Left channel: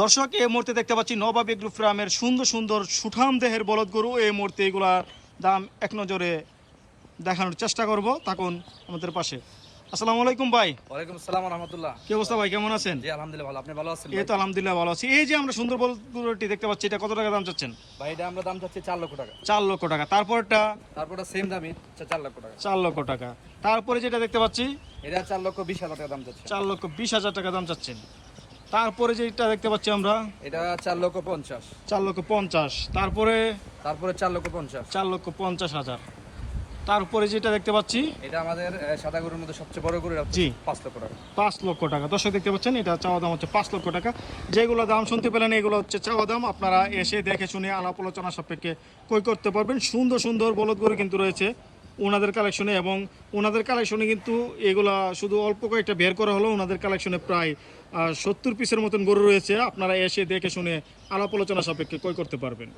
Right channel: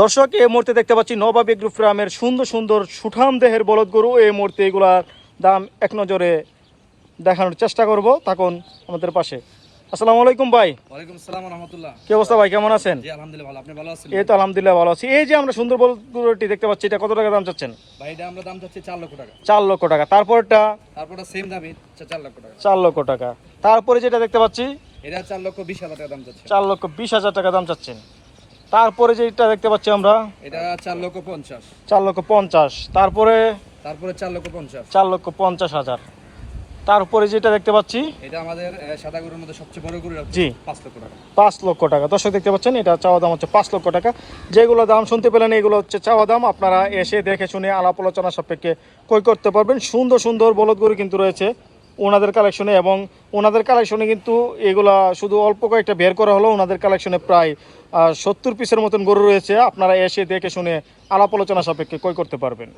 দর্শক এই মুহূর্তে দেখতে পাচ্ছি নবাব এগ্রো ফার্মের সুন্দর সুন্দর সুঠাম দেহের বলদ গরু। এই মুহূর্তে এগুলার দাম এক নজরে দেখানোর চেষ্টা করব। তখন আমাদের পাশে। আসসালামু আলাইকুম ভাই। ওয়ালাইকুম আসসালাম ওয়া রাহমাতুল্লাহ। কি অবস্থা ভাই, কেমন আছেন? জি আলহামদুলিল্লাহ ভালো, আপনি ভালো আছেন? এই তো আলহামদুলিল্লাহ ভালো আছি। এই যে আমরা সুন্দর বলদ গরুটি দেখতে পাচ্ছি, এটা কত টাকা দাম চাচ্ছেন? ভাই এটা আমরা দাম চাচ্ছি 4 লক্ষ টাকা। 4 লক্ষ টাকা। তারপরটা তারপরটা সেম দামই 4 লক্ষ টাকা। 4 লক্ষ টাকা। তারপরে যেটা দেখতে পাচ্ছি এটা 4 লক্ষ 20 হাজার টাকা দাম চাচ্ছে। 4 লক্ষ 20 হাজার টাকা দাম চাচ্ছেন। তারপরে যেটা দেখতে পাচ্ছি আমরা এটা 4 লক্ষ 50। 4 লক্ষ 50। তারপরে 4 লক্ষ 50। 4 লক্ষ 50 হাজার। তারপরে যেটা দেখতে পাচ্ছি এটা আমাদের সাদা গরুর মধ্যে সবচেয়ে বড় গরু, জি 5 লক্ষ টাকা। 5 লক্ষ টাকা। দর্শক দেখতে পাচ্ছেন, এটা চাওয়া দাম হচ্ছে 5 লক্ষ টাকা। যেগুলো দাম শুনতে পেলেন এগুলো হচ্ছে চাওয়া দাম। আপনারা এসে দেখে শুনে আলাপ আলোচনা সাপেক্ষে ক্রয় করতে পারবেন। সুন্দর সুন্দর বলদ গরু কিন্তু রয়েছে ওনাদের কালেকশনে, এবং ওনাদের কালেকশনে কিন্তু এগুলা শুধু অল্প কয়েকটা বের করা হলো। ওনাদের কালেকশনে প্রায় 70 পিসের মতন গরু রয়েছে। আপনারা এসে দেখে শুনে আলাপ আলোচনা সাপেক্ষে ক্রয় করতে পারবেন।